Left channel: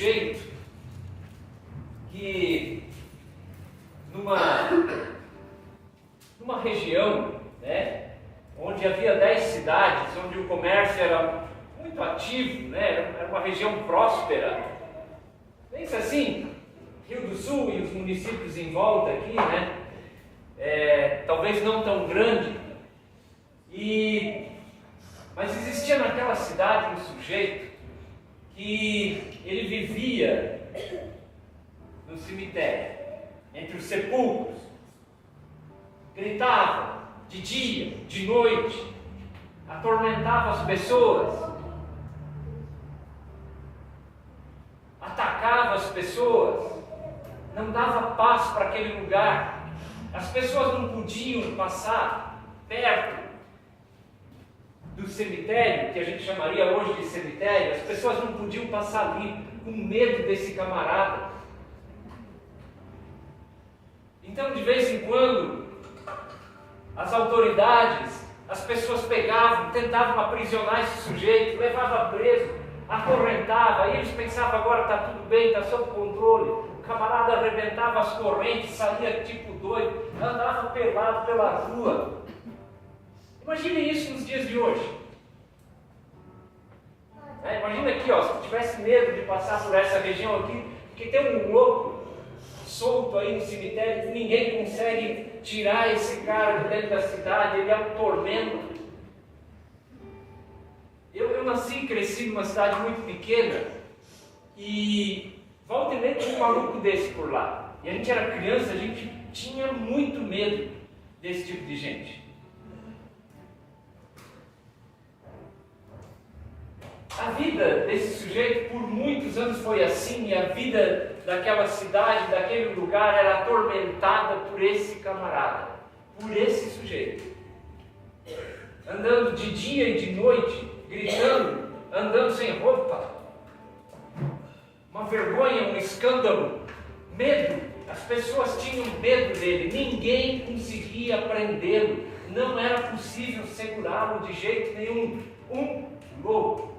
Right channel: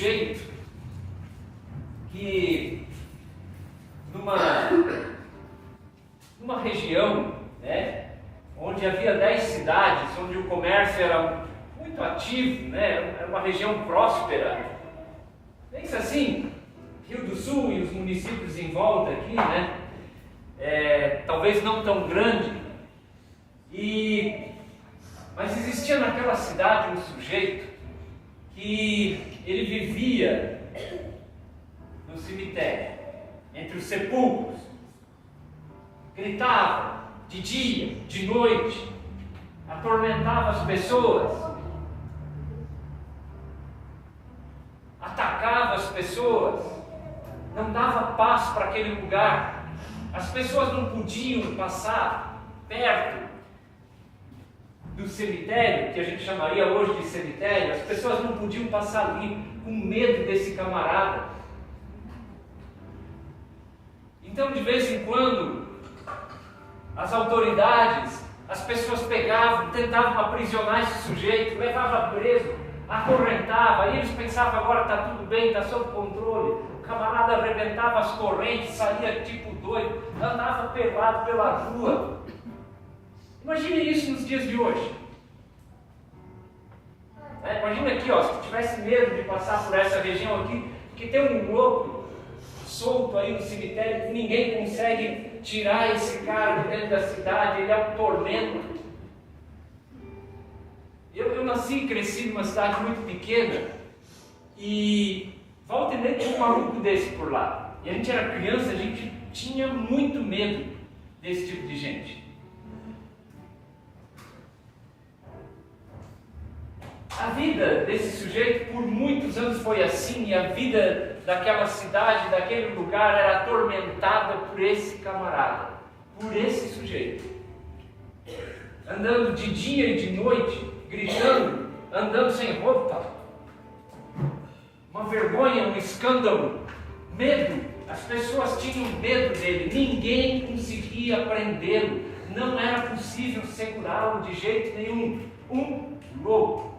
sujeito que numa região, né, onde havia 10 cidades, onde o comércio era muito ativo, né, era uma região próspera. Pensa assim, Rio do Sul e os municípios em volta aqui, né, talvez não tão grande, mas existia naquela cidade um sujeito que ele vivia no cemitério, entre os sepulcros, gritava de dia, de noite, atormentava as pessoas, atacava as pessoas, não dava paz para aquele lugar. As pessoas não podiam passar perto do cemitério, que a gente chamaria hoje de cemitério. As pessoas não podiam passar ali com medo desse camarada. Então, de vez em quando, as autoridades, as pessoas pegavam, tentavam aprisionar esse sujeito, levavam preso, acorrentava. Aí eles pensavam: agora está tudo bem, está sob controle. O camarada arrebentava as correntes, saía tipo doido, andava pelado pela rua. Imagine isso nos dias de hoje. Imagina aqui, ó, se tu tivesse medo de passar por essa região aqui, porque tem um louco solto aí no cemitério, ninguém consegue tirar esse cara de dentro da cidade, ele é um tormento. Eu nasci e cresci numa cidade muito pequena e volta e meia tinha um maluco desse por lá. E a gente era criança, a gente tinha muito medo desse tipo de gente. A vida desse sujeito por muitos anos foi assim, e a vida daquela cidade, daquele lugar, era atormentada por esse camarada, por esse sujeito. Andando de dia e de noite, gritando, andando sem roupa. Uma vergonha, um escândalo, medo. As pessoas tinham medo dele, ninguém conseguia prendê-lo, não era possível segurá-lo de jeito nenhum. Um louco.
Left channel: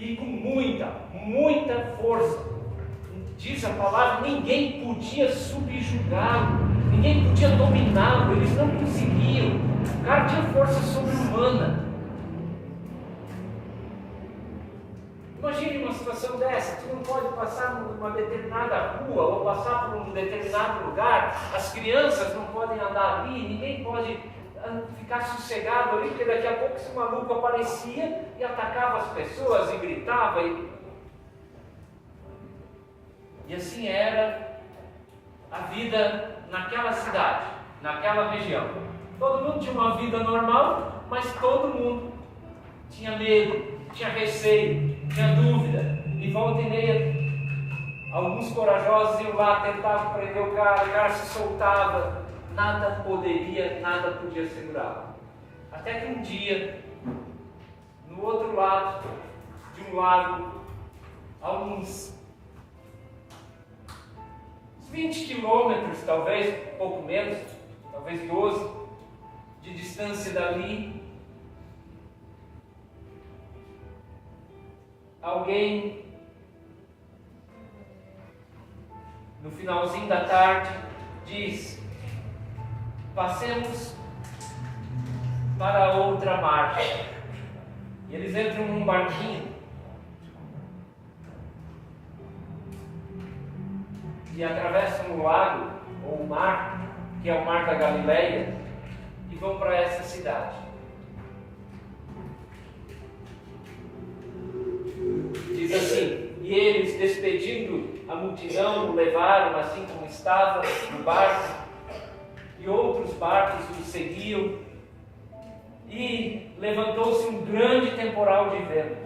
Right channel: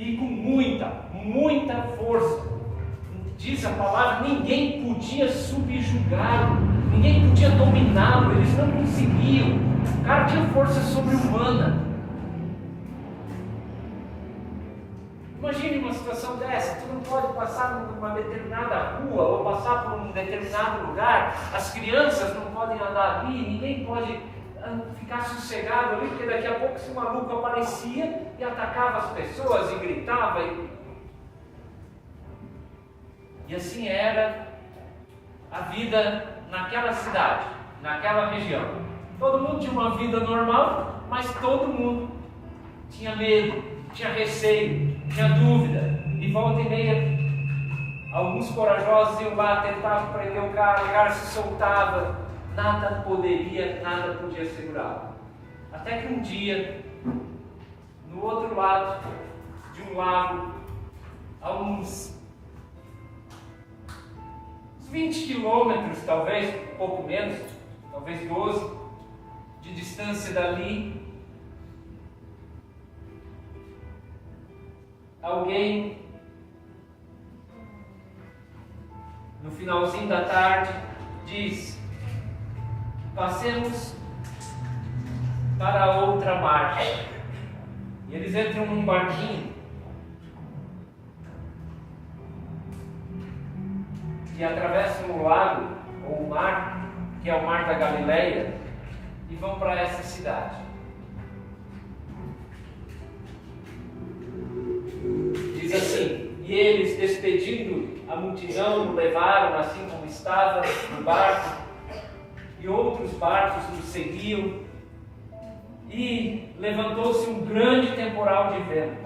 E com muita força. Diz a palavra, ninguém podia subjugá-lo, ninguém podia dominá-lo, eles não conseguiam. O cara tinha força sobre-humana. Imagine uma situação dessa: tu não pode passar numa determinada rua ou passar por um determinado lugar, as crianças não podem andar ali, ninguém pode ficar sossegado ali, porque daqui a pouco esse maluco aparecia e atacava as pessoas e gritava. E assim era a vida naquela cidade, naquela região. Todo mundo tinha uma vida normal, mas todo mundo tinha medo, tinha receio, tinha dúvida. E volta e meia, alguns corajosos iam lá, tentavam prender o cara se soltava. Nada podia segurá-lo. Até que um dia, no outro lado de um lago, a uns 20 quilômetros, talvez, um pouco menos, talvez 12, de distância dali, alguém, no finalzinho da tarde, diz: passemos para outra margem. E eles entram num barquinho e atravessam o lago, ou o mar, que é o mar da Galileia, e vão para essa cidade. Diz assim: e eles, despedindo a multidão, o levaram assim como estava no barco, e outros barcos o seguiam, e levantou-se um grande temporal de vento,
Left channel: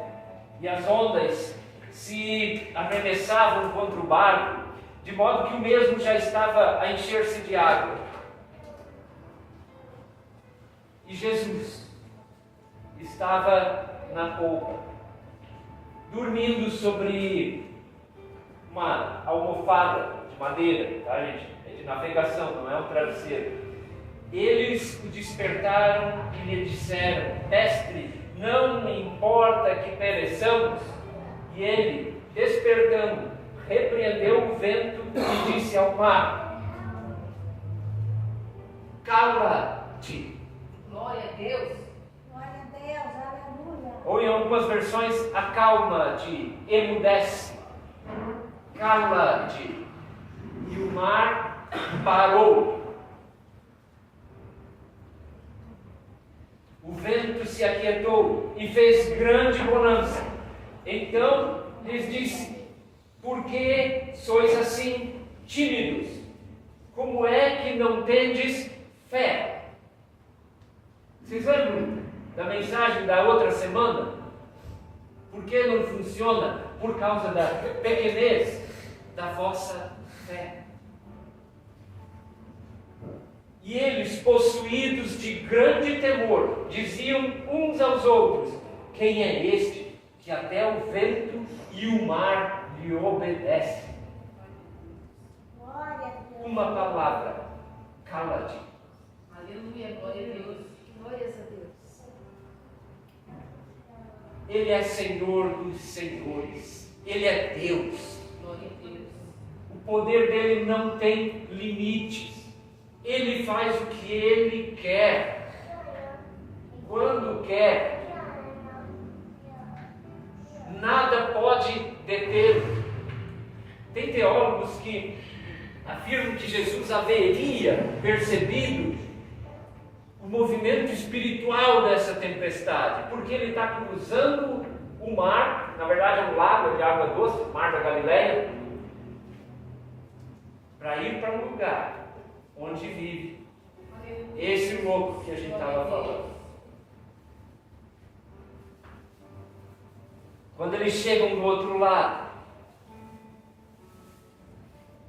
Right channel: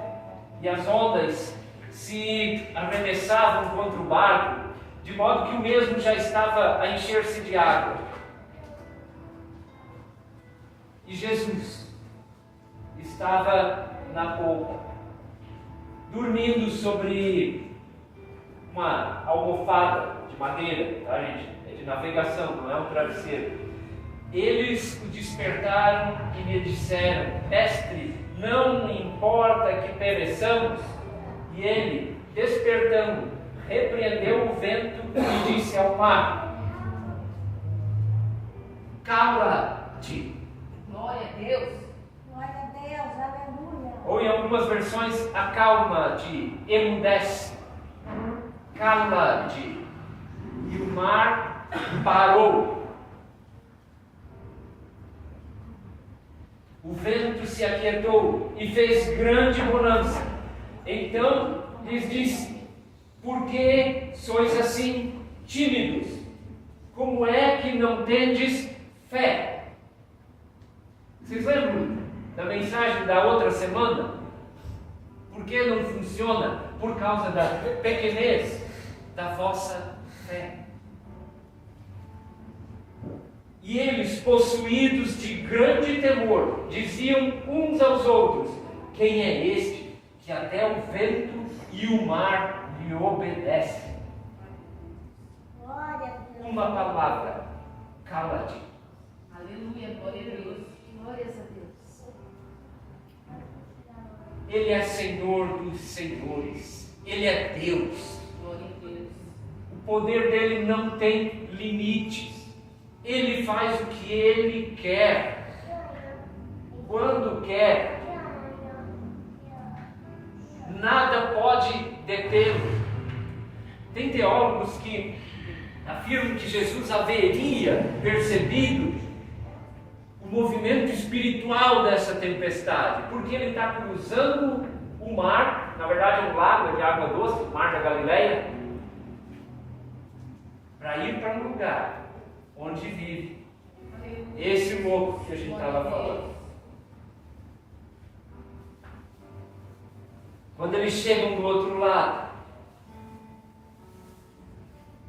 e as ondas se arremessavam contra o barco, de modo que o mesmo já estava a encher-se de água. E Jesus estava na polpa, dormindo sobre uma almofada de madeira, tá, gente? É de navegação, não é um travesseiro. Eles o despertaram e lhe disseram: Mestre, não importa que pereçamos. E ele, despertando, repreendeu o vento e disse ao mar: cala-te. Glória a Deus. Glória a Deus, aleluia. Ou em algumas versões, acalma-te, emudece. Cala-te. E o mar parou. O vento se aquietou e fez grande bonança. Então lhes disse: por que sois assim tímidos? Como é que não tendes fé? Vocês lembram da mensagem da outra semana? Por que não funciona? Por causa da pequenez da vossa fé. E eles, possuídos de grande temor, diziam uns aos outros: quem é este que até o vento e o mar lhe obedecem? Glória a Deus. Uma palavra: cala-te. Aleluia, glória a Deus. Glórias a Deus. Ele é Senhor dos senhores. Ele é Deus. Glória a Deus. O poder dele não tem limites. Ele faz o que ele quer, quando quer. Nada pode detê-lo. Tem teólogos que afirmam que Jesus haveria percebido o movimento espiritual dessa tempestade, porque ele está cruzando o mar, na verdade é um lago de água doce, o mar da Galileia, para ir para um lugar onde vive esse louco que a gente estava falando. Quando eles chegam do outro lado,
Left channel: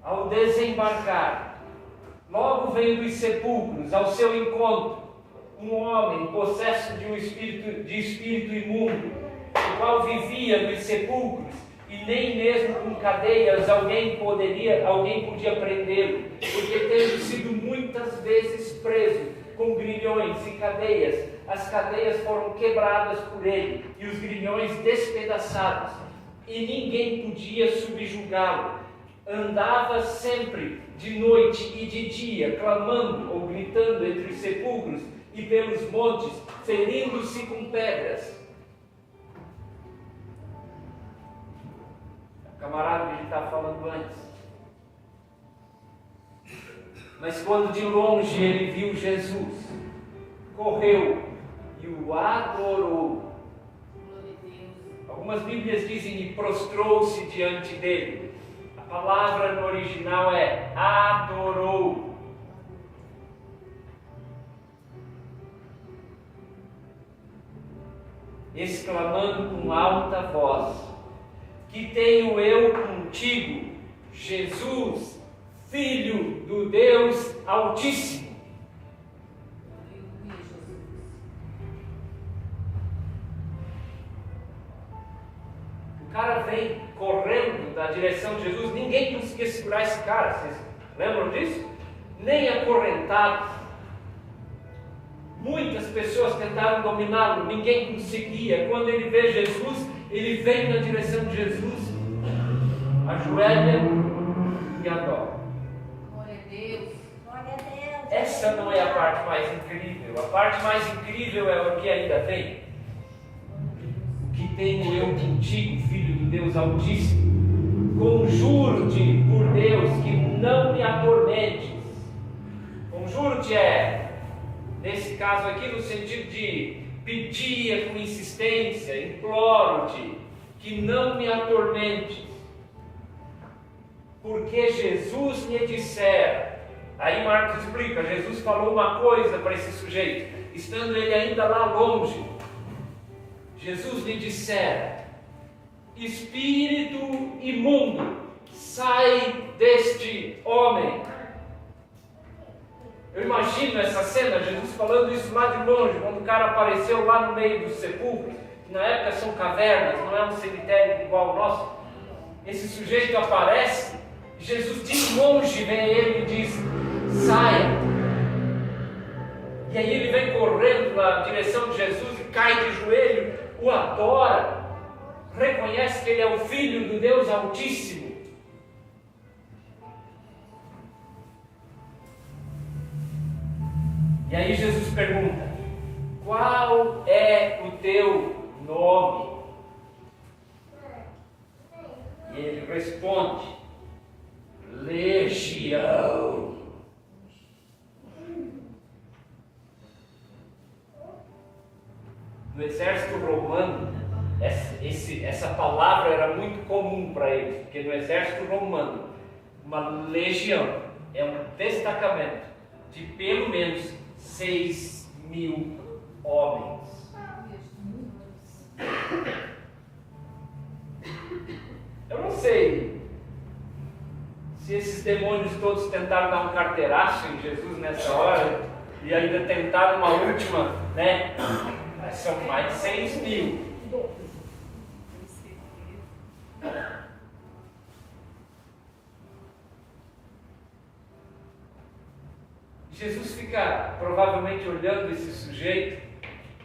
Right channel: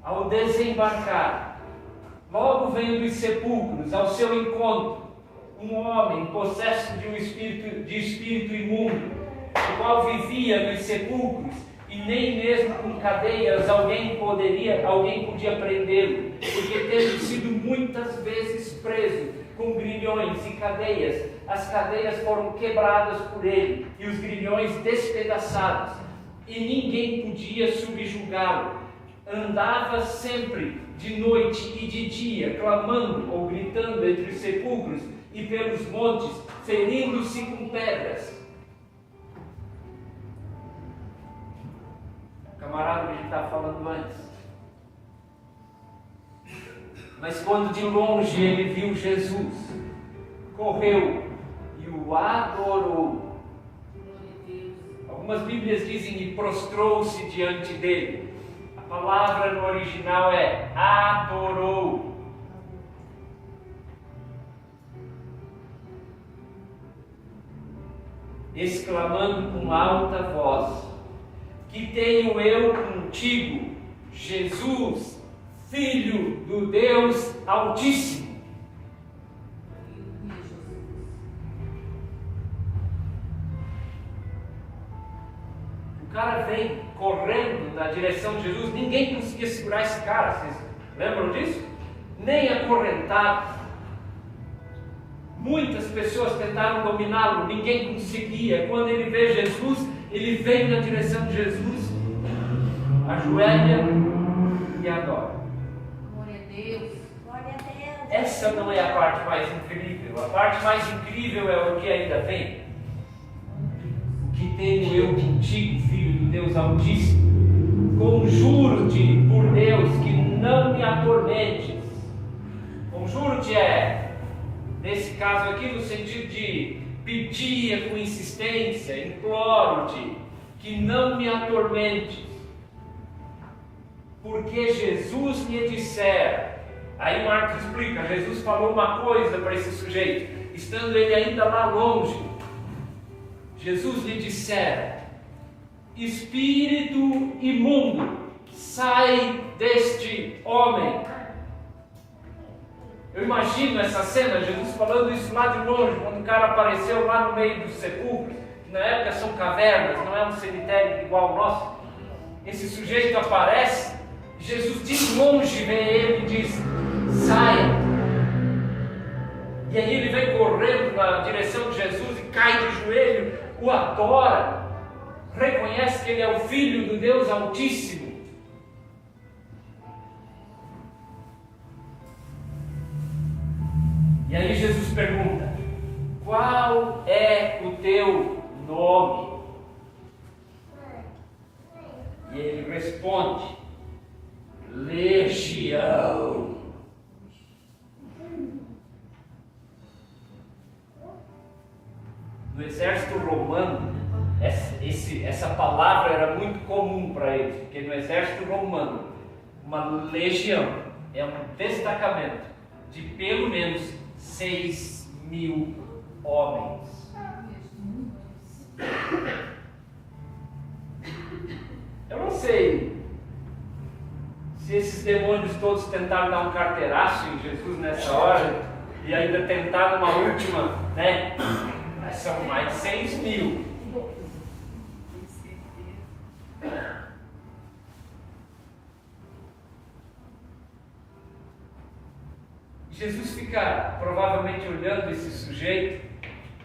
ao desembarcar, logo vem dos sepulcros ao seu encontro um homem possesso de espírito imundo, o qual vivia nos sepulcros, e nem mesmo com cadeias alguém podia prendê-lo, porque tendo sido muitas vezes preso com grilhões e cadeias, as cadeias foram quebradas por ele e os grilhões despedaçados, e ninguém podia subjugá-lo. Andava sempre de noite e de dia, clamando ou gritando entre os sepulcros e pelos montes, ferindo-se com pedras. Camarada que a gente estava falando antes. Mas quando de longe ele viu Jesus, correu e o adorou. Algumas Bíblias dizem e prostrou-se diante dele. A palavra no original é adorou. Exclamando com alta voz: que tenho eu contigo, Jesus, Filho do Deus Altíssimo. O cara vem correndo na direção de Jesus, ninguém conseguia segurar esse cara, vocês lembram disso? Nem acorrentado. Muitas pessoas tentaram dominá-lo, ninguém conseguia. Quando ele vê Jesus, ele vem na direção de Jesus, ajoelha e adora. Glória a Deus. Glória a Deus. Essa não é a parte mais incrível. A parte mais incrível é o que ainda vem. O que tenho eu contigo, Filho do Deus Altíssimo? Conjuro-te por Deus que não me atormentes. Conjuro-te nesse caso aqui, no sentido de pedir com insistência, imploro-te que não me atormentes. Porque Jesus lhe dissera. Aí Marcos explica, Jesus falou uma coisa para esse sujeito, estando ele ainda lá longe. Jesus lhe dissera: espírito imundo, sai deste homem. Eu imagino essa cena, Jesus falando isso lá de longe, quando o cara apareceu lá no meio dos sepulcros, que na época são cavernas, não é um cemitério igual ao nosso. Esse sujeito aparece, Jesus de longe vê ele e diz: saia. E aí ele vem correndo na direção de Jesus e cai de joelho, o adora, reconhece reconhece que ele é o Filho do Deus Altíssimo. E aí Jesus pergunta: qual é o teu nome? E ele responde: Legião. No exército romano, essa palavra era muito comum para eles, porque no exército romano, uma legião é um destacamento de pelo menos 6.000 homens. Eu não sei se esses demônios todos tentaram dar um carteiraço em Jesus nessa hora e ainda tentaram uma última, né? Mas são mais de 6.000. Jesus fica provavelmente olhando esse sujeito.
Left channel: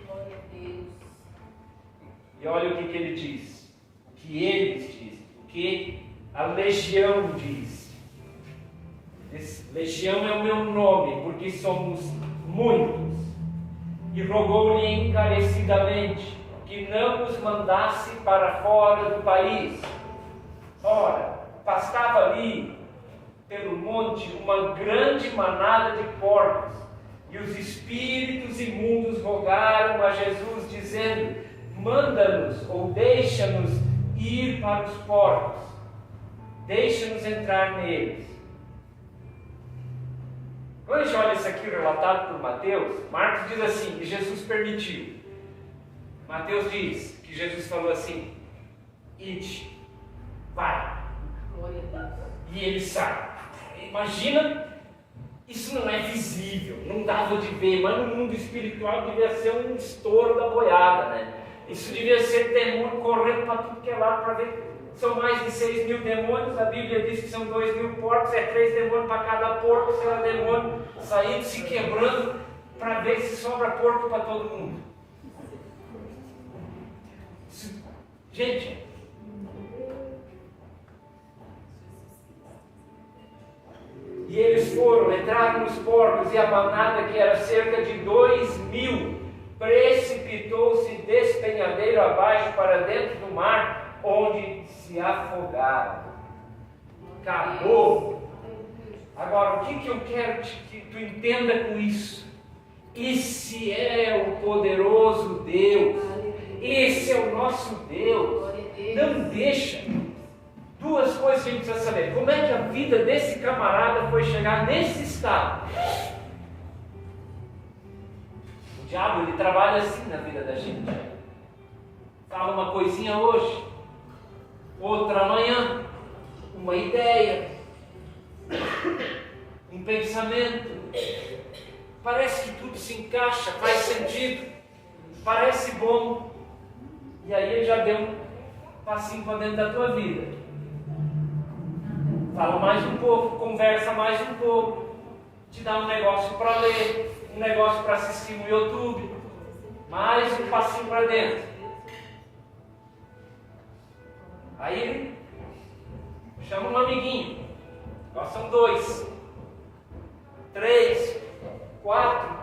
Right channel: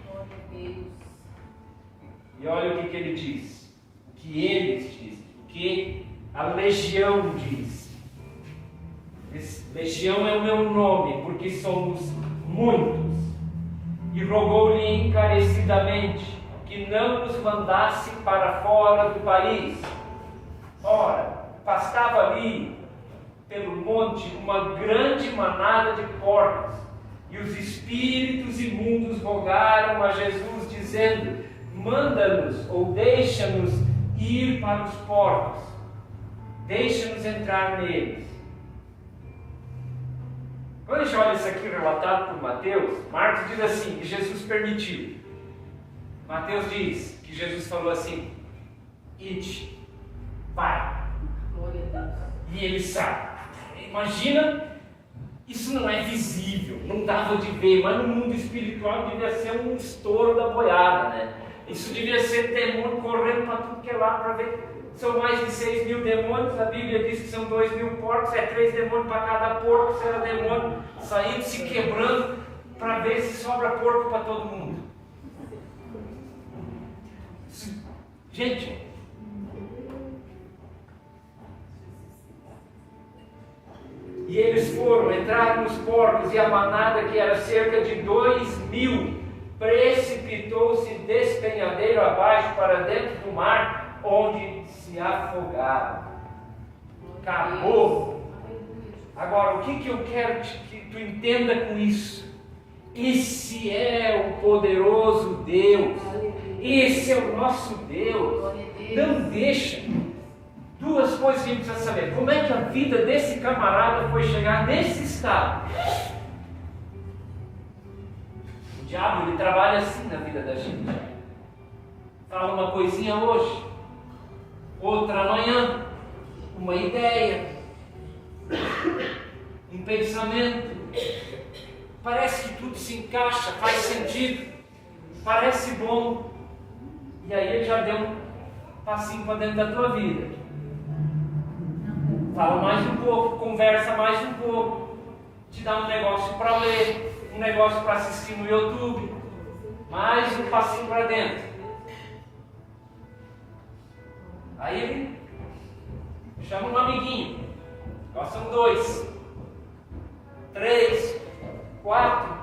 Glória a Deus. E olha o que ele diz. O que eles dizem. O que a legião diz. Legião é o meu nome, porque somos muitos. E rogou-lhe encarecidamente que não nos mandasse para fora do país. Ora, pastava ali pelo monte uma grande manada de porcos, e os espíritos imundos rogaram a Jesus, dizendo: manda-nos ou deixa-nos ir para os porcos, deixa-nos entrar neles. Quando a gente olha isso aqui relatado por Mateus, Marcos diz assim, que Jesus permitiu. Mateus diz que Jesus falou assim: ide, vai. Glória a Deus. E ele sai. Imagina, isso não é visível, não dava de ver, mas no mundo espiritual devia ser um estouro da boiada, né? Isso devia ser demônio correndo para tudo que é lado para ver. São mais de 6.000 demônios, a Bíblia diz que são 2.000 porcos, é 3 demônios para cada porco, será demônio saindo, se quebrando, para ver se sobra porco para todo mundo. Gente, e eles foram, entraram nos porcos, e a manada, que era cerca de 2.000, precipitou-se despenhadeiro abaixo para dentro do mar, onde se afogaram. Acabou. Agora, o que eu quero que tu entenda com isso? Esse é o poderoso Deus. Esse é o nosso Deus. Não deixa. Duas coisas que a gente precisa saber. Como é que a vida desse camarada foi chegar nesse estado? O diabo, ele trabalha assim na vida da gente. Fala uma coisinha hoje, outra amanhã, uma ideia, um pensamento. Parece que tudo se encaixa, faz sentido, parece bom. E aí ele já deu um passinho para dentro da tua vida. Fala mais um pouco, conversa mais um pouco, te dá um negócio para ler, um negócio para assistir no YouTube, mais um passinho para dentro. Aí ele chama um amiguinho, nós são 2, 3, 4,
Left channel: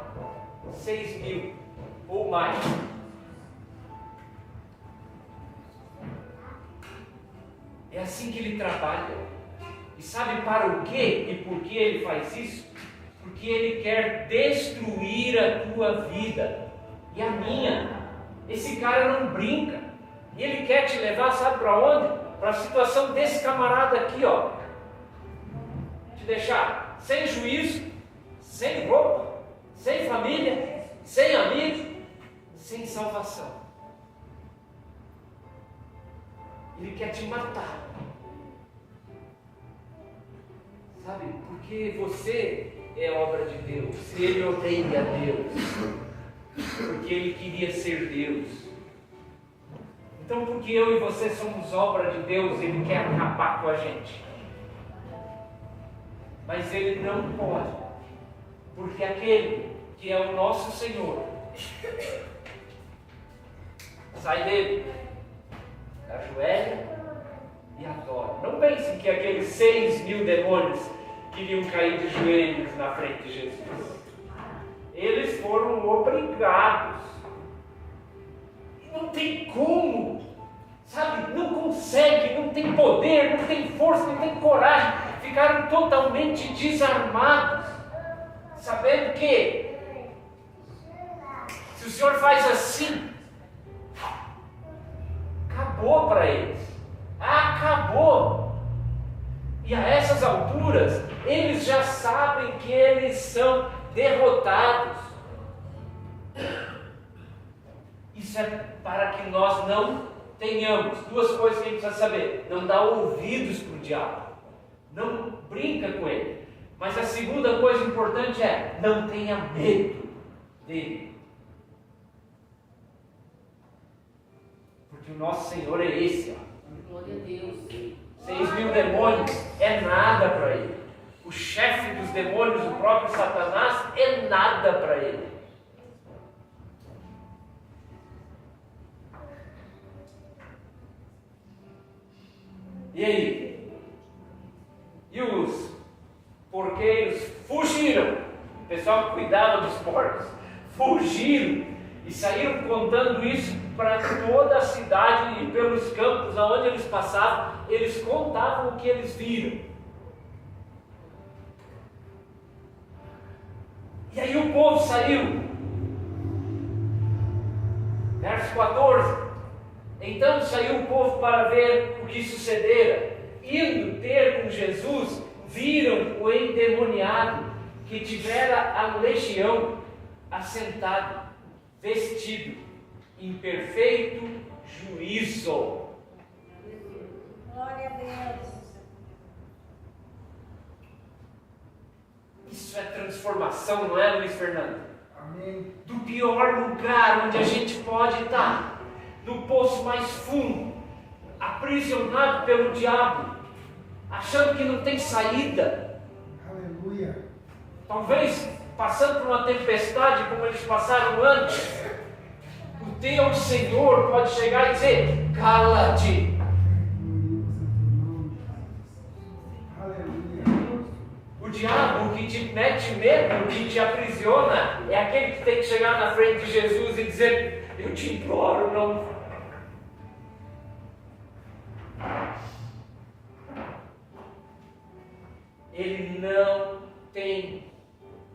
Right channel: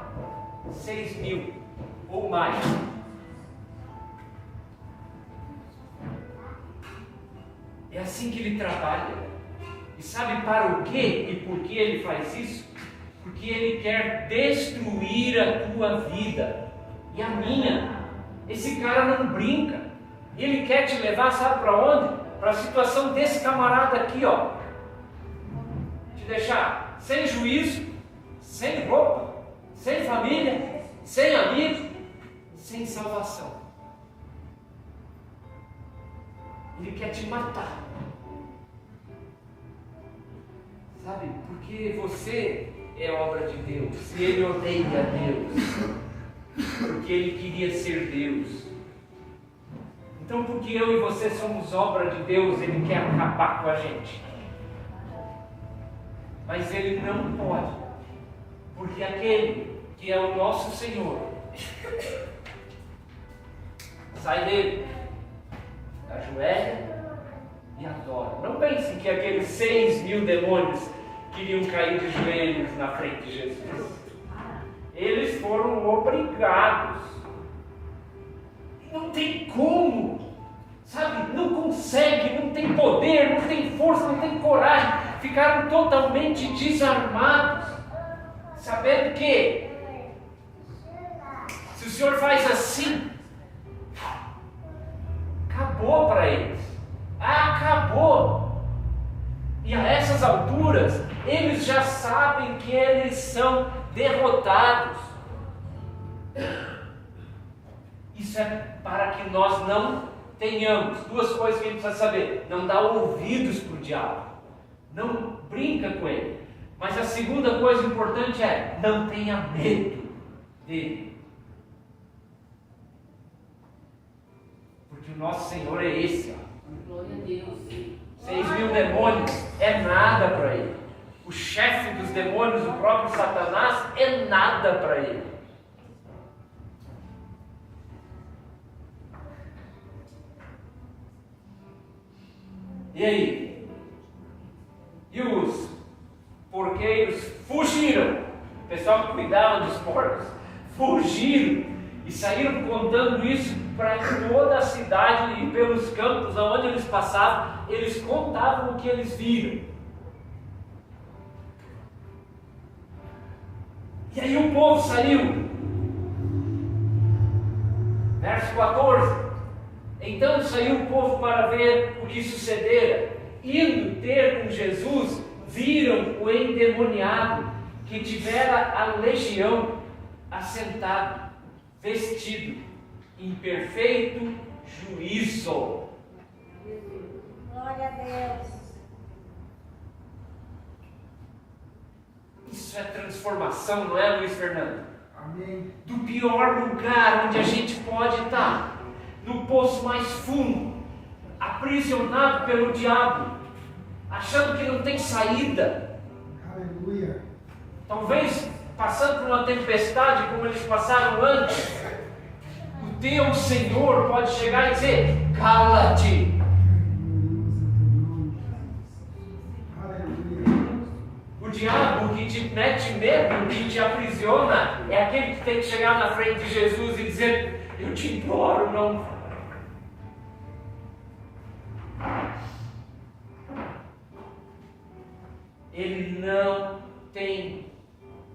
6.000 ou mais. É assim que ele trabalha. E sabe para o quê e por que ele faz isso? Porque ele quer destruir a tua vida e a minha. Esse cara não brinca. Ele quer te levar, sabe para onde? Para a situação desse camarada aqui, ó. Te deixar sem juízo, sem roupa, sem família, sem amigos, sem salvação. Ele quer te matar. Sabe, porque você é obra de Deus. Ele odeia Deus, porque ele queria ser Deus. Então, porque eu e você somos obra de Deus, ele quer acabar com a gente. Mas ele não pode, porque aquele que é o nosso Senhor, sai dele. ajoelha e adora. Não pensem que aqueles 6.000 demônios queriam cair de joelhos na frente de Jesus. Eles foram obrigados. Não tem como, sabe? Não consegue, não tem poder, não tem força, não tem coragem. Ficaram totalmente desarmados, sabendo que se o Senhor faz assim, acabou para eles. Acabou. E a essas alturas, eles já sabem que eles são derrotados. Isso é para que nós não tenhamos duas coisas que a gente precisa saber: não dá ouvidos para o diabo, não brinca com ele. Mas a segunda coisa importante é: não tenha medo dele, porque o nosso Senhor é esse. Glória a Deus. 6.000 demônios é nada para ele. O chefe dos demônios, o próprio Satanás, é nada para ele. E aí? E os porqueiros fugiram. O pessoal que cuidava dos porcos fugiram e saíram contando isso para toda a cidade e pelos campos aonde eles passavam. Eles contavam o que eles viram. E aí o povo saiu. Verso 14. Então saiu o povo para ver o que sucedera. Indo ter com Jesus, viram o endemoniado que tivera a legião assentado, vestido em perfeito juízo. Glória a Deus. Isso é transformação, não é, Luiz Fernando? Amém. Do pior lugar onde a gente pode estar, no poço mais fundo, aprisionado pelo diabo, achando que não tem saída. Aleluia. Talvez passando por uma tempestade como eles passaram antes, o teu Senhor pode chegar e dizer: cala-te. Aleluia. O diabo que te mete medo, que te aprisiona, é aquele que tem que chegar na frente de Jesus e dizer: eu te imploro, não. Ele não tem,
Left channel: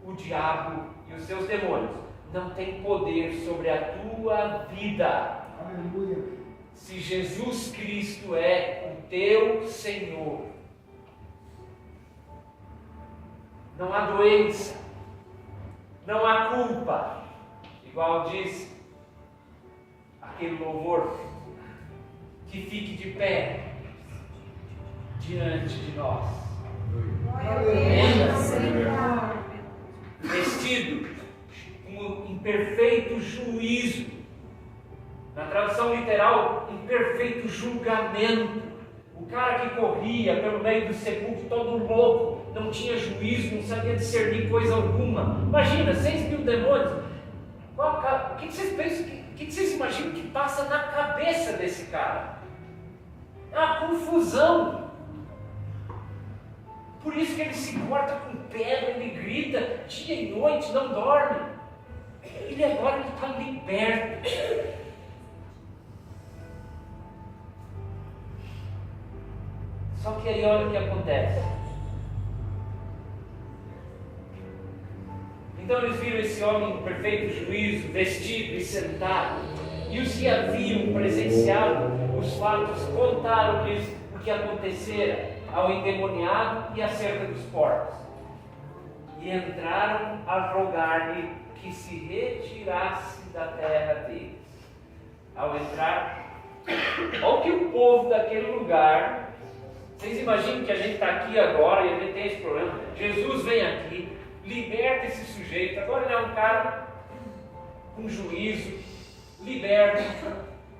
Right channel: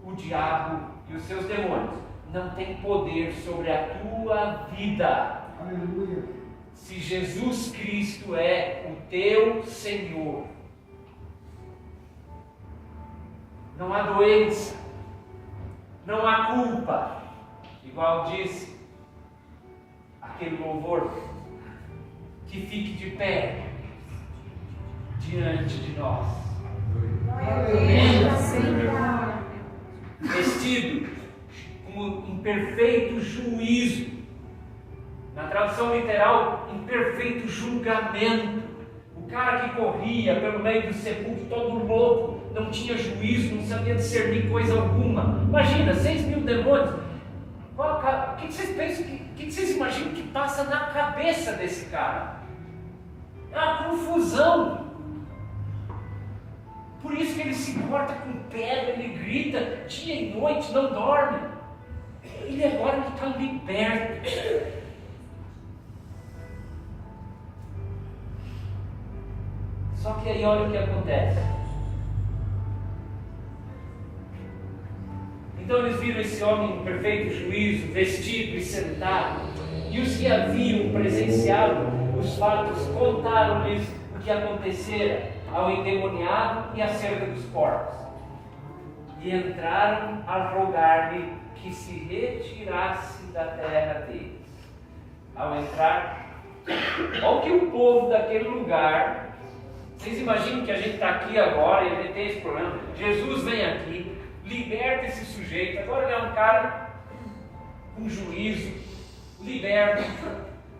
o diabo e os seus demônios não tem poder sobre a tua vida. Aleluia. Se Jesus Cristo é o teu Senhor, não há doença, não há culpa, igual diz aquele louvor, que fique de pé diante de nós, Glória a Deus. Senhor. vestido como em perfeito juízo. Na tradução literal, em perfeito julgamento. O cara que corria pelo meio do sepulcro todo louco, não tinha juízo, não sabia discernir coisa alguma. Imagina, 6.000 demônios. O que vocês pensam, o que vocês imaginam que passa na cabeça desse cara? É uma confusão. Por isso que ele se corta com pedra, ele grita dia e noite, não dorme. Ele agora está liberto. Só que aí olha o que acontece. Então eles viram esse homem em perfeito juízo, vestido e sentado. E os que haviam presenciado os fatos contaram-lhes o que acontecera ao endemoniado e acerca dos porcos. E entraram a rogar-lhe que se retirasse da terra deles. Ao entrar, olha que o povo daquele lugar. Vocês imaginam que a gente está aqui agora e a gente tem esse problema. Jesus vem aqui, liberta esse sujeito. Agora ele é um cara com juízo, liberto,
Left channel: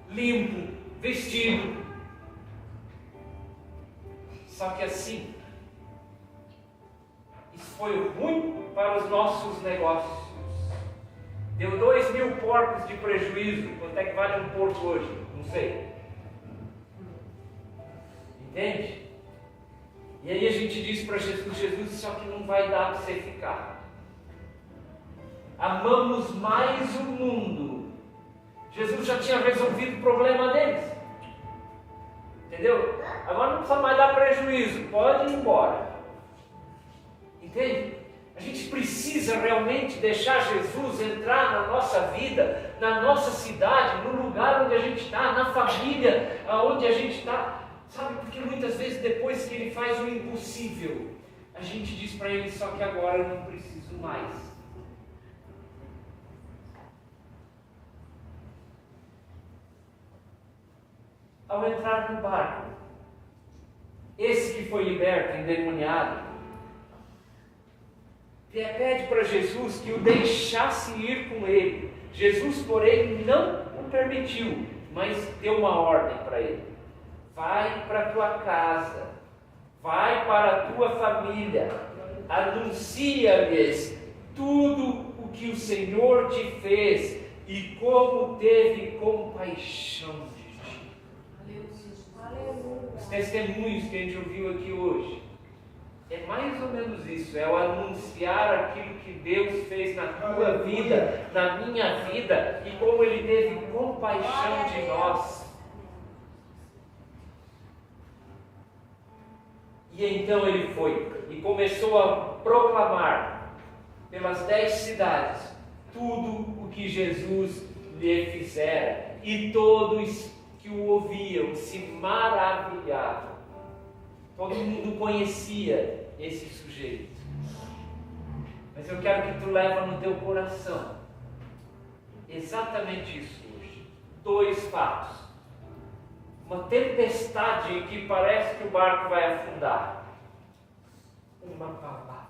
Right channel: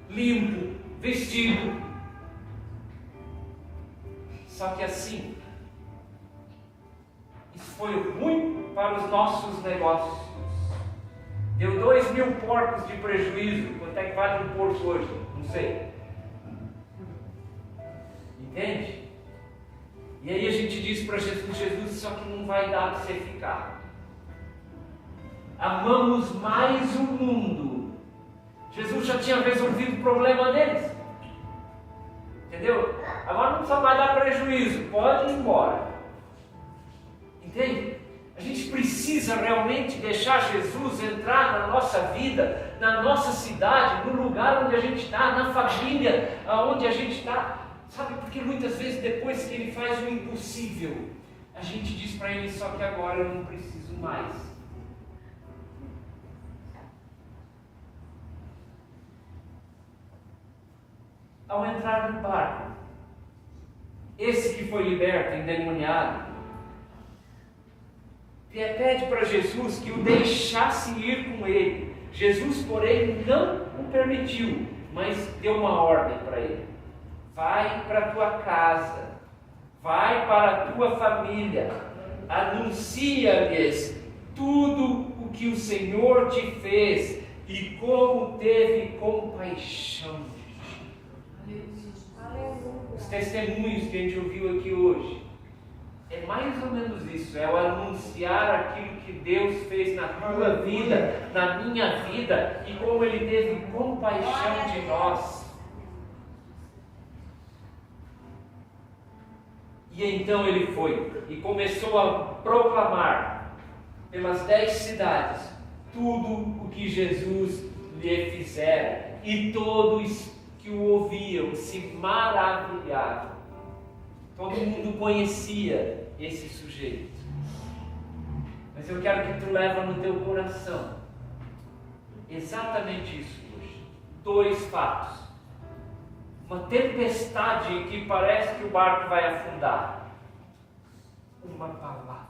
limpo, vestido. Só que assim, isso foi ruim para os nossos negócios. Deu 2.000 porcos de prejuízo. Quanto é que vale um porco hoje? Não sei. Entende? E aí a gente diz para Jesus: Jesus, só que não vai dar para você ficar. Amamos mais o mundo. Jesus já tinha resolvido o problema deles. Entendeu? Agora não precisa mais dar prejuízo, pode ir embora. Entende? A gente precisa realmente deixar Jesus entrar na nossa vida, na nossa cidade, no lugar onde a gente está, na família onde a gente está. Sabe, porque muitas vezes depois que Ele faz o impossível, a gente diz para Ele: só que agora eu não preciso mais. Ao entrar no barco, esse que foi liberto, endemoniado, pede para Jesus que o deixasse ir com ele. Jesus, porém, não o permitiu, mas deu uma ordem para ele: vai para a tua casa, vai para a tua família, anuncia-lhes tudo o que o Senhor te fez e como teve compaixão de ti. Os testemunhos que a gente ouviu aqui hoje é mais ou menos isso, é o anunciar aquilo que Deus fez na tua vida, na minha vida, e como Ele teve compaixão de nós. E então ele foi e começou a proclamar pelas 10 cidades tudo o que Jesus lhe fizera, e todos que o ouviam se maravilhavam. Todo mundo conhecia esse sujeito. Mas eu quero que tu leva no teu coração exatamente isso hoje. 2 fatos. Uma tempestade que parece que o barco vai afundar. Uma palavra.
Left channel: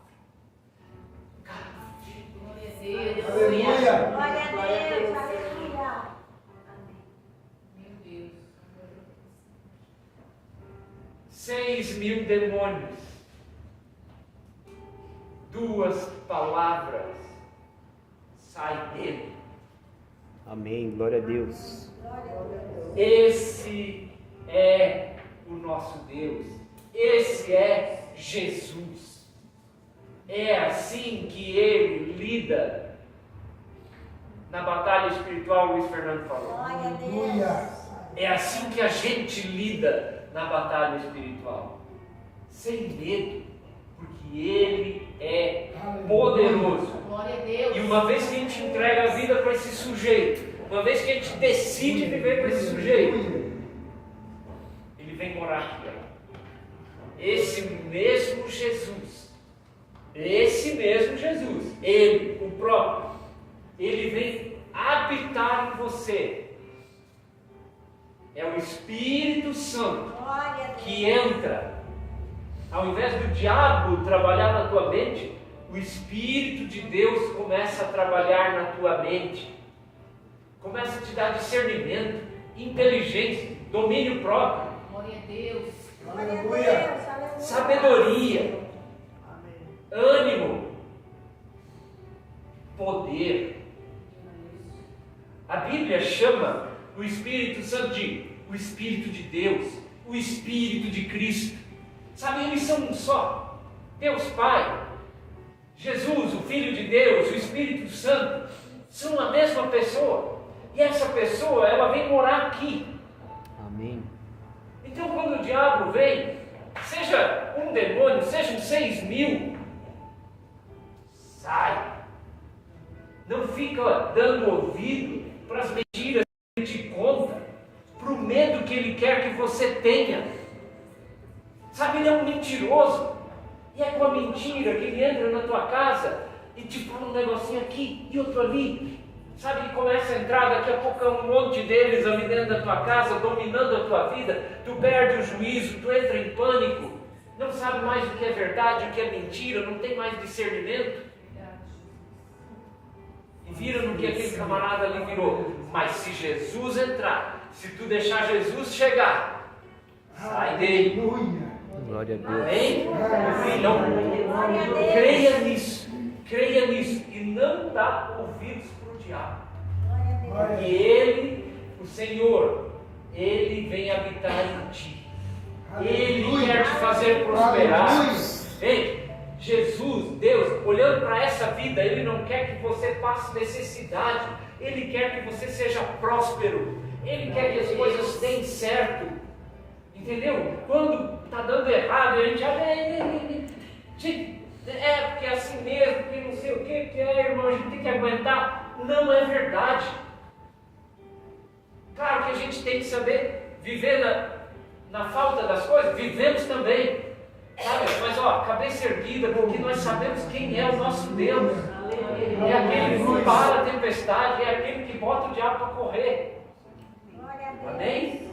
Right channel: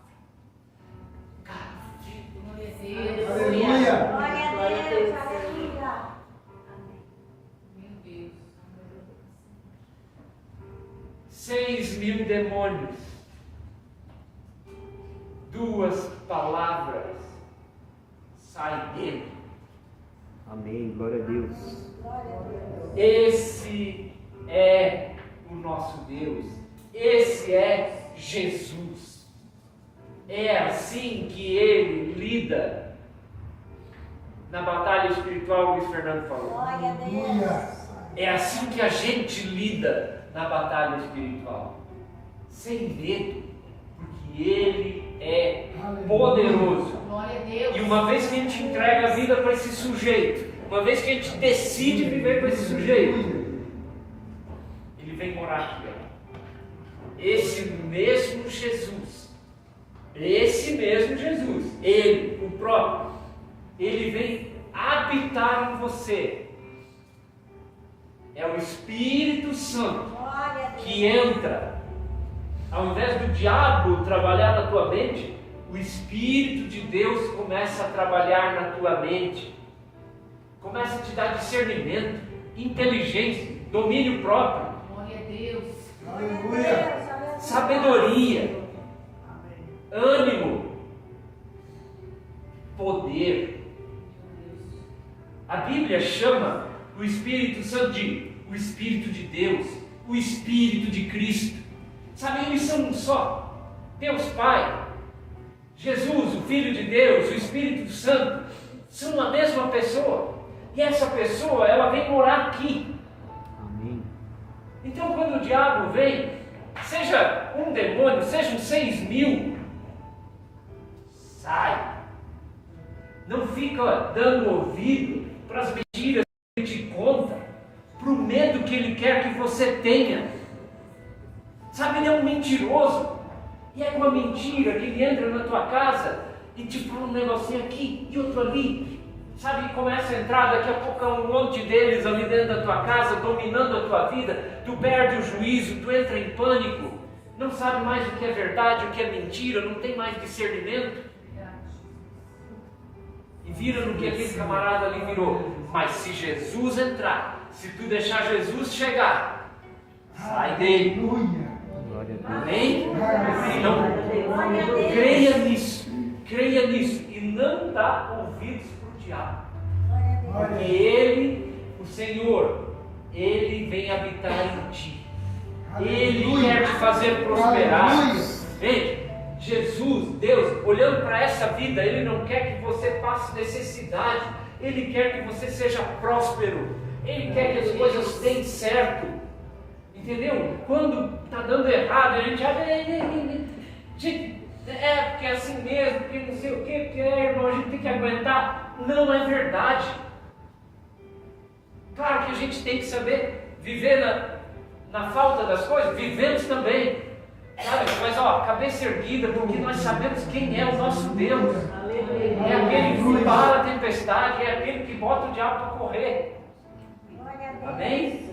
Aleluia. Glória a Deus. Aleluia. Meu Deus. 6.000 demônios. 2 palavras saem dele. Amém. Glória a Deus. Esse é o nosso Deus. Esse é Jesus. É assim que Ele lida na batalha espiritual. O Luiz Fernando falou. Glória a Aleluia. Deus. É assim que a gente lida na batalha espiritual. Sem medo, porque Ele é poderoso. Glória a Deus. E uma vez que a gente entrega a vida para esse sujeito, uma vez que a gente decide viver com esse sujeito, ele vem morar aqui. Ó. Esse mesmo Jesus, Ele, o próprio, Ele vem habitar em você. É o Espírito Santo Glória a Deus. que entra. Ao invés do diabo trabalhar na tua mente, o Espírito de Deus começa a trabalhar na tua mente. Começa a te dar discernimento, inteligência, domínio próprio, Glória a Deus. Glória a Deus. Aleluia. Aleluia. sabedoria, ânimo, poder. A Bíblia chama o Espírito Santo de o Espírito de Deus, o Espírito de Cristo. Sabe, eles são um só. Deus Pai, Jesus, o Filho de Deus, o Espírito Santo, são a mesma pessoa. E essa pessoa, ela vem morar aqui. Amém. Então, quando o diabo vem, seja um demônio, sejam 6.000, sai. Não fica dando ouvido para as mentiras que ele te conta, para o medo que ele quer que você tenha. Sabe, ele é um mentiroso. E é com a mentira que ele entra na tua casa e te fala um negocinho aqui e outro ali. Sabe, começa a entrar, daqui a pouco é um monte deles ali dentro da tua casa, dominando a tua vida. Tu perde o juízo, tu entra em pânico, não sabe mais o que é verdade, o que é mentira, não tem mais discernimento. E vira no que aquele camarada ali virou. Mas se Jesus entrar, se tu deixar Jesus chegar, sai dele. Aleluia. Glória a Deus. Amém? Então, creia nisso e não dá ouvidos para o diabo. Porque Ele, o Senhor, Ele vem habitar em ti. Ele quer te fazer prosperar. Ei, Jesus, Deus, olhando para essa vida, Ele não quer que você passe necessidade. Ele quer que você seja próspero. Ele quer que as coisas deem certo. Entendeu? Quando está dando errado, a gente acha, porque é assim mesmo, porque não sei o que, porque irmão, a gente tem que aguentar. Não é verdade. Claro que a gente tem que saber viver na falta das coisas, vivemos também. Sabe? Mas cabeça erguida, porque nós sabemos quem é o nosso Deus. É aquele que para a tempestade, é aquele que bota o diabo para correr. Amém?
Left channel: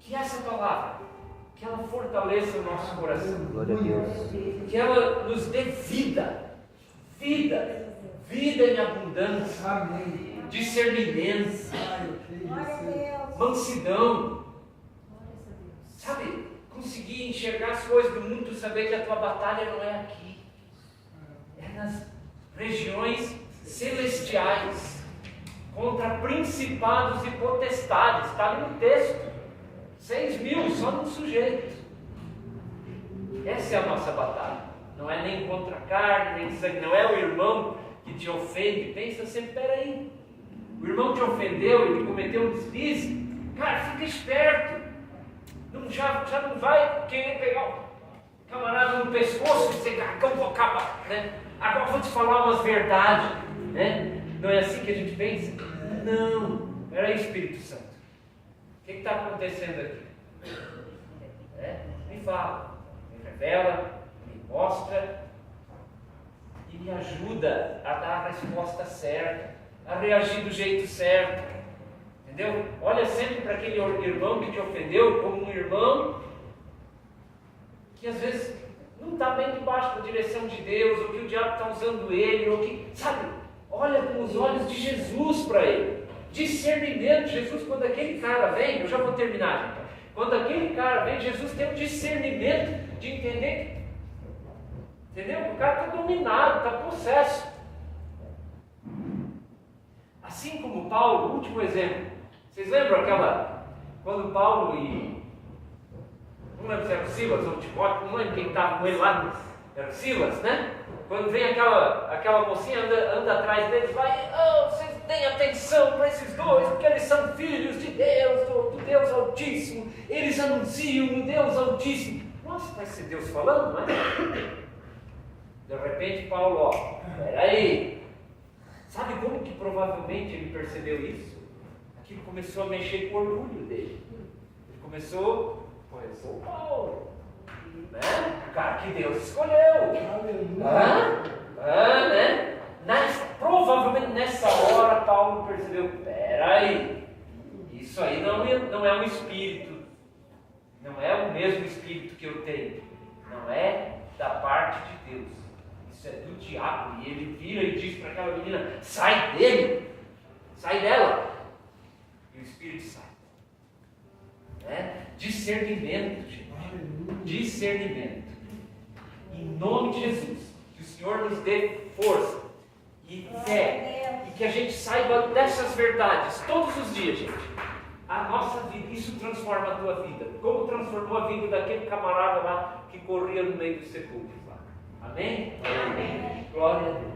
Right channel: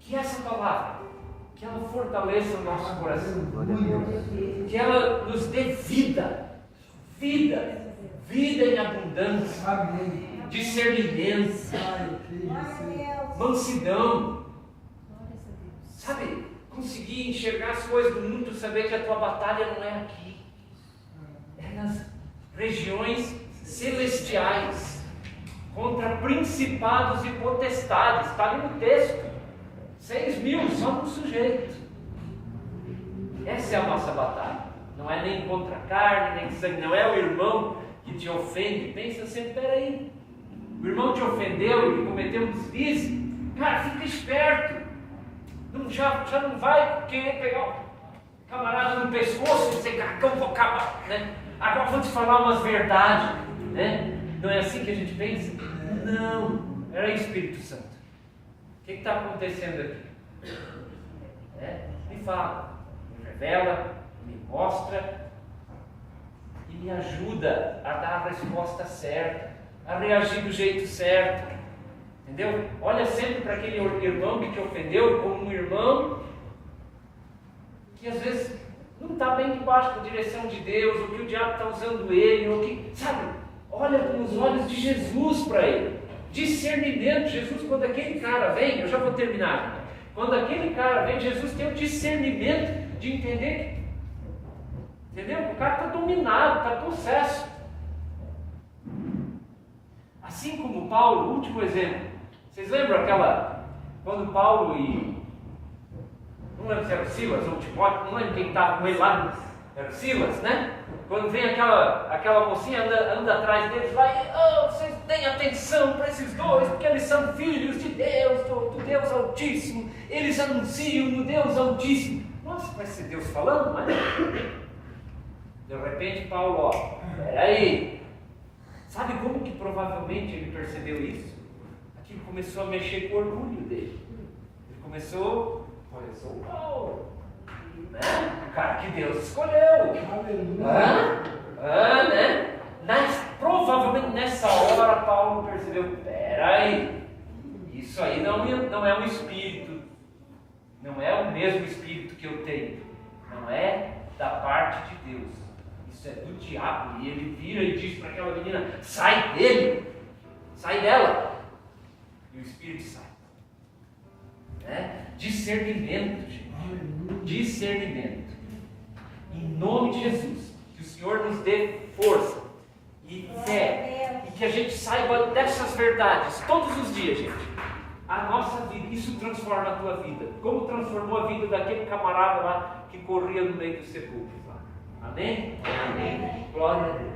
Que essa palavra, que ela fortaleça o nosso coração. Que ela nos dê vida em abundância. Amém. Discernimento, mansidão, sabe? Conseguir enxergar as coisas do mundo, saber que a tua batalha não é aqui, é nas regiões celestiais, contra principados e potestades. Está ali no texto, 6.000 só num sujeito. Essa é a nossa batalha. Não é nem contra carne, nem sangue, não é o irmão que te ofende. Pensa sempre, peraí, o irmão te ofendeu, ele cometeu um deslize, cara, fica esperto. Já não vai querer pegar o camarada no pescoço e dizer, vou acabar, né? Agora vou te falar umas verdades, né? Não é assim que a gente pensa? Não, peraí, Espírito Santo, o que está acontecendo aqui? Me fala, me revela, me mostra e me ajuda a dar a resposta certa, a reagir do jeito certo, entendeu? Olha sempre para aquele irmão que te ofendeu como um irmão que às vezes não está bem debaixo da direção de Deus, ou que o diabo está usando ele, ou que, sabe, olha com os olhos de Jesus para ele, discernimento. Jesus, quando aquele cara vem, eu já vou terminar, quando aquele cara vem, Jesus tem o discernimento de entender, entendeu? O cara está dominado, está possesso. Assim como Paulo, último exemplo. Vocês lembram quando Paulo e... não lembro se era o Silas ou o Timóteo, não lembro quem estava com ele lá, era o Silas, né? Quando vem aquela mocinha, anda atrás deles, vai, vocês deem atenção para esses dois, porque eles são filhos de Deus, do Deus Altíssimo, eles anunciam o Deus Altíssimo. Nossa, vai ser Deus falando, não é? De repente Paulo, peraí, sabe como que provavelmente ele percebeu isso? Aquilo começou a mexer com o orgulho dele. Ele começou, eu sou Paulo, né? O cara que Deus escolheu. Né? Provavelmente nessa hora Paulo percebeu, peraí, isso aí não é um espírito, não é o mesmo espírito que eu tenho, não é da parte de Deus. Isso é do diabo. E ele vira e diz para aquela menina, sai dele, sai dela, e o espírito sai, né? Discernimento, gente, discernimento, em nome de Jesus, que o Senhor nos dê força e fé, e que a gente saiba dessas verdades todos os dias, gente. A nossa vida, isso transforma a tua vida, como transformou a vida daquele camarada lá que corria no meio dos sepulcros lá. Amém? Amém. Glória a Deus.